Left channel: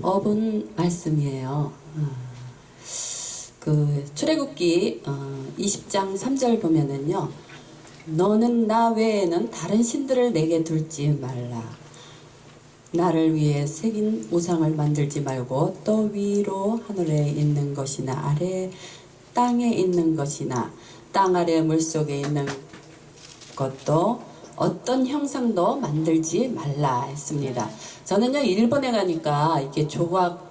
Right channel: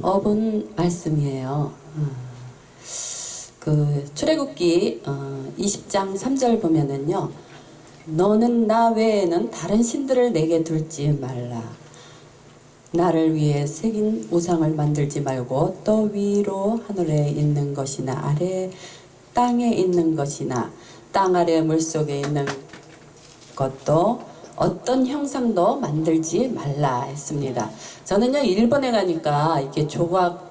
어본 말씀이에요. 그 출애굽기 20장 3절 보면은요, 너는 나 외에는 다른 신들을 내게 둘지 말라. 나를 위해 새긴 우상을 만들지 말고 또 위로 하늘에 있는 것이나 아래 땅에 있는 것이나 땅 아래 물속에 있는 것도 어떤 형상도 만들지 말라 했습니다. 저는요, 일본에 가니까 이렇게 조각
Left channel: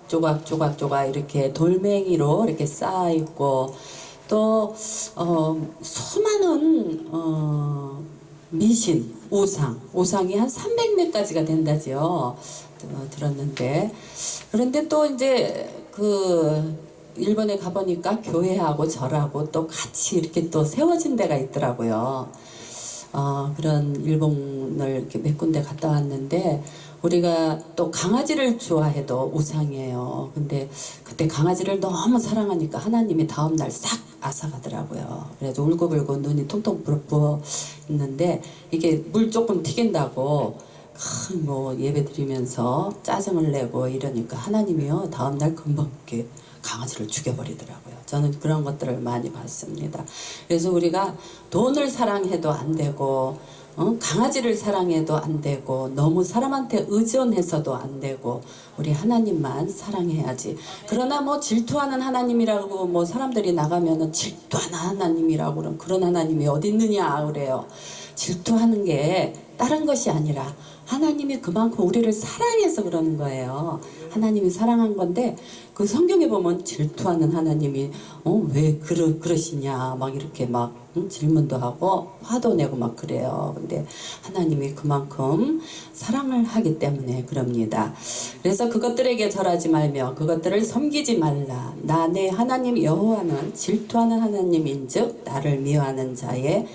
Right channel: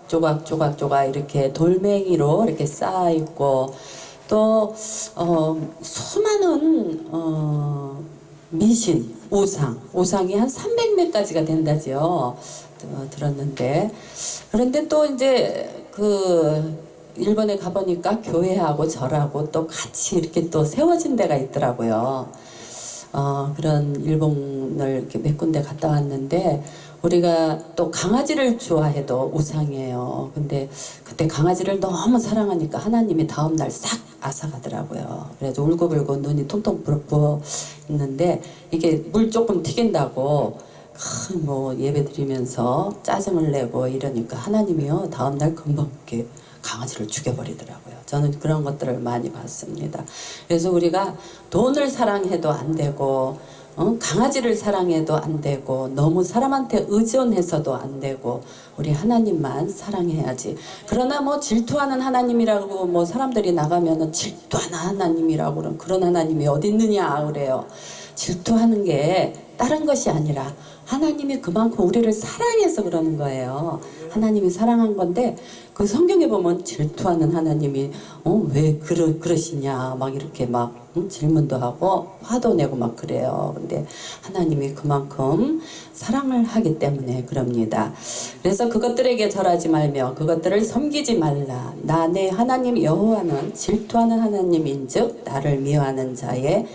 이렇게 돌멩이로 이렇게 쌓아 있고, 또 수많은 미신, 우상이 한 300매까지가 된다지요. 들었는데, 그런데 또 이제 일본에 가보니까 교회하고 절하고 또 같이 이렇게 또 세워진 데가 있더라고요. 그런 일본을 이렇게 몇 군데 갔다 왔는데, 우리가 또 강아지를 좋아해도 우상이에요. 근데 그때 강아지를 너무 사랑하니까 하나님이 다음날 싹 앗아가더라고요. 그래서 울고불고 눈이 통통 부어 있는데, 이게 물 조금 튀긴다고 뭐 예배 드리면서 짜증을 내고 이러니까 하나님이요, 다음날 금방 이렇게 강아지를 죽여버리더라고요. 저는 그런 것들을 많이 봤습니다. 그래서 우리가 돈을 사랑해도 안 되고, 강아지를 사랑해도 안 되고, 너무 사람한테 의존해서도 안 되고, 우리 하나님만 사랑해야지. 그러나 뭐 질투하는 하나님이라고 뭐 사람들이 나가면은 질투하는 하나님이라고 그런 하나님이 어디 있느냐 그래요. 질투하는 게 다른 것이 아니라 하나님이 그만큼 우리를 사랑해서 그러는 거예요. 하나님이 사랑한 건데, 그 성경에 보면 질투하는 하나님이 왜 그러시냐 막 이렇게 막 질문도 하고 화도 내고 막 그래요. 근데 하나님이 그만큼 사랑을 하기 때문에 그럽니다. 그래서 그것들에게 절하지 말며 그것들을 섬기지 말라. 나 내 하나님 여호와는 질투하는 하나님인즉 나를 미워하는 자의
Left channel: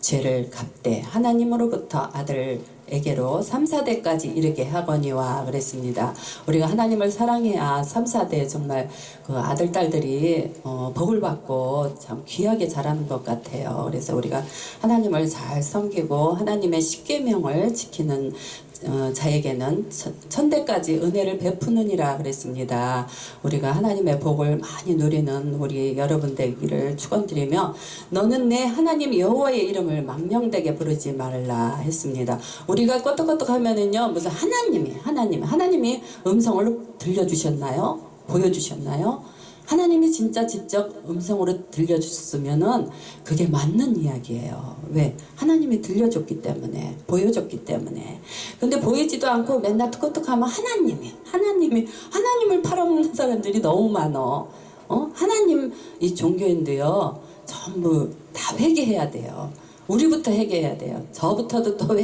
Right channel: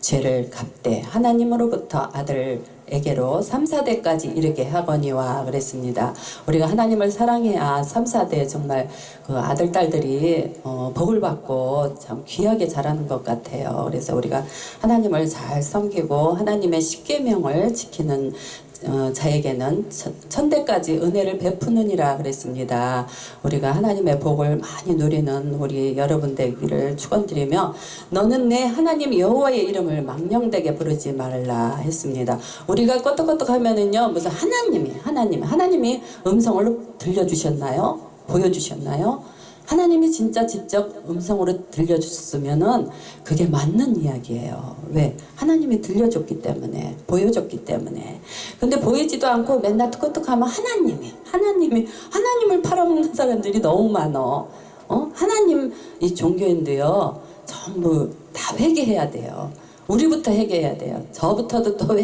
죄를 갚되 하나님으로부터 아들에게로 3, 4대까지 이르게 하거니와 그랬습니다. 우리가 하나님을 사랑해야 3, 4대 정말 그 아들, 딸들이 복을 받고 참 귀하게 자라는 것 같아요. 그래서 우리가 하나님을 잘 섬기고 하나님의 십계명을 지키는 자에게는 천대까지 은혜를 베푸느니라 그랬습니다. 우리가 하나님의 복을 많이 누리는 우리 여러분 되기를 축원드리며, 너는 내 하나님 여호와의 이름을 망령되게 부르지 말라 했습니다. 우리가 껐덕껐덕 하면은요, 무슨 하나님이 음성을 들려주셨나요? 보여주셨나요? 하나님이 진짜 직접 음성으로 들려주셨으면은 그게 맞는 이야기예요. 왜? 하나님이 들려줬기 때문에, 보여줬기 때문에. 근데 보이지도 않고 맨날 툭툭하면 하나님을 팔아먹는 사람들이 너무 많어. 하나님, 이 종교인도요, 전부 다 회개해야 돼요. 우리부터 회개해야 돼요. 저부터도 또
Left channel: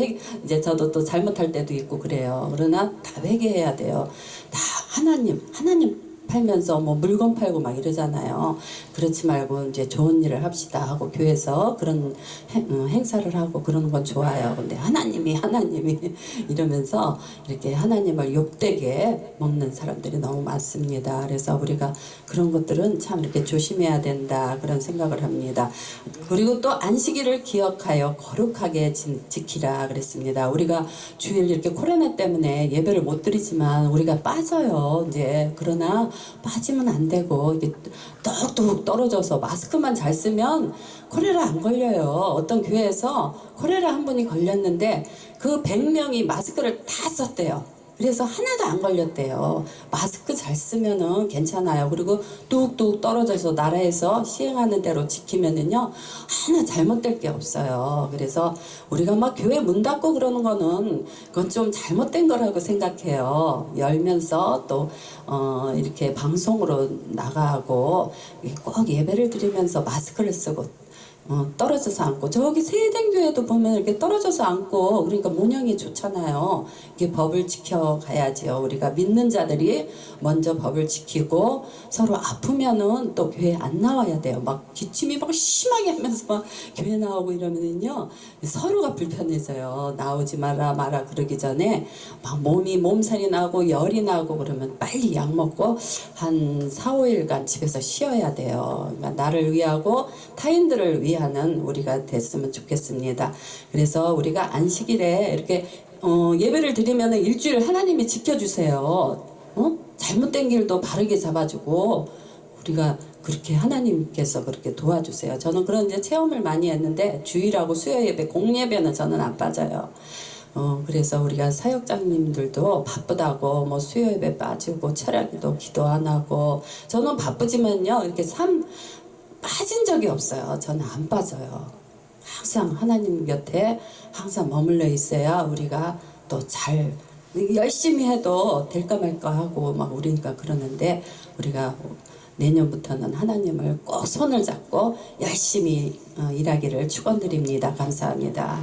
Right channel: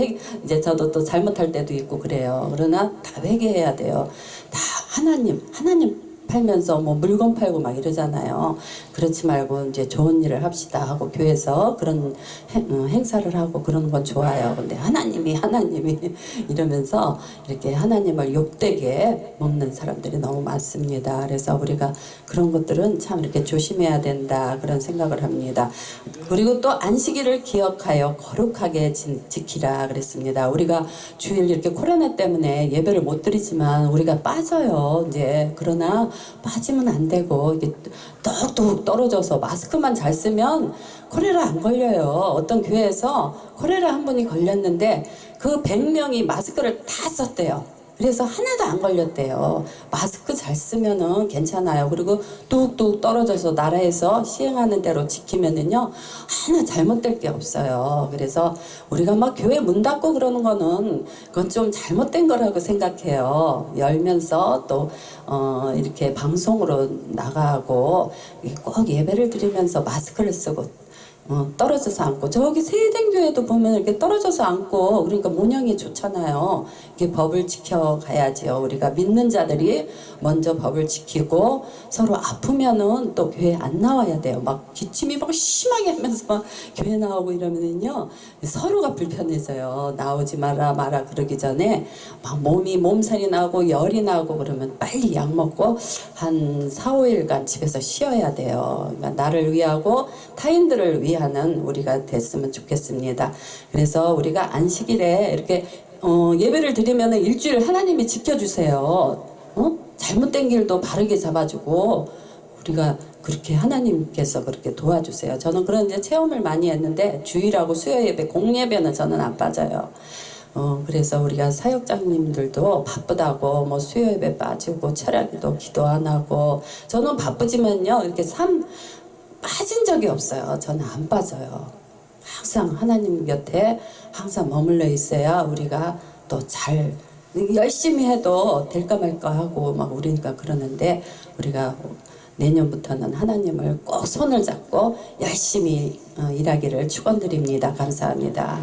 이제 저도 또 잘못할 때도 있고 그래요. 그러나 다 회개해야 돼요. 다 하나님 팔면서 뭐 물건 팔고 막 이러잖아요. 그렇지 말고 이제 좋은 일을 합시다 하고 교회에서 그런 행사를 하고 그러는 건 좋아요. 근데 하나님이 이러면서 이렇게 하나님을 욕되게 먹는 사람들이 너무 많습니다. 그래서 우리가 그런 것들은 참 이렇게 조심해야 된다, 그런 생각을 합니다. 그리고 또 안식일을 기억하여 거룩하게 지키라 그랬습니다. 우리가 주일 이렇게 코로나 때문에 예배를 못 드리지만 우리가 빠져요. 이제 그러나 빠지면 안 되고, 이게 뚝뚝 떨어져서 마스크만 잘 쓰면 콜레라 안 걸려요. 어떤 교회에서 콜레라 한 분이 걸렸는데 그 100명이 마스크를 다 썼대요. 그래서 하나도 안 걸렸대요. 마스크 잘 쓰면은 괜찮아요. 그리고 뚝뚝 떨어져서 나라에서 시행하는 대로 지키면은요, 하나 잘못될 게 없어요. 그래서 우리가 막 교회 문 닫고 그러는 거는 그건 좀 잘못된 거라고 생각해요. 열면서 또 이렇게 방송으로 나가고 꼭 예배를 드리면서 마스크를 쓰고 떨어져서 앉고, 저기 세대교회도 보면 이렇게 떨어져서 앉고, 그러니까 모양이 좋잖아요. 이게 법을 지켜가야지요. 우리가 믿는 자들이 먼저 법을 지키고, 서로 아프면은 또 교회 안 나와야 돼요. 막 기침이 막 심하게 하면서 막 교회 나오고 이러면은요, 서로가 불편해져요. 나오지 마라 그러기 전에 막 몸살이 나고 열이 나고 그러면 빨리 약 먹고 한 4, 5일간 집에서 쉬어야 돼요. 그러니까 나를 위하고 타인들을 위하는 우리가 됐으면 좋겠습니다. 그래서 우리가 안식일에 이렇게 예배를 드리면 일주일 하나님이 지켜주세요. 잘못된 길도 바르게 잡아주고 우리가 그렇게 하나님께서 그렇게 도와주세요. 저는 그런 이제 체험을 많이 했는데 주일하고 수요 예배, 공예배는 저는 안 빠져요. 그래서 우리가 사역장님들도 바쁘다고 뭐 수요 예배 빠지고 철야기도 기도 안 하고 저는 바쁘지만요 이렇게 빠진 적이 없어요. 저는 안 빠져요. 항상 하나님 곁에 항상 머물러 있어야 우리가 또 잘 열심히 해도 될까 말까 하고 막 우리니까 그러는데 우리가 내년부터는 하나님을 꼭 손을 잡고 열심히 일하기를 축원드립니다. 감사합니다.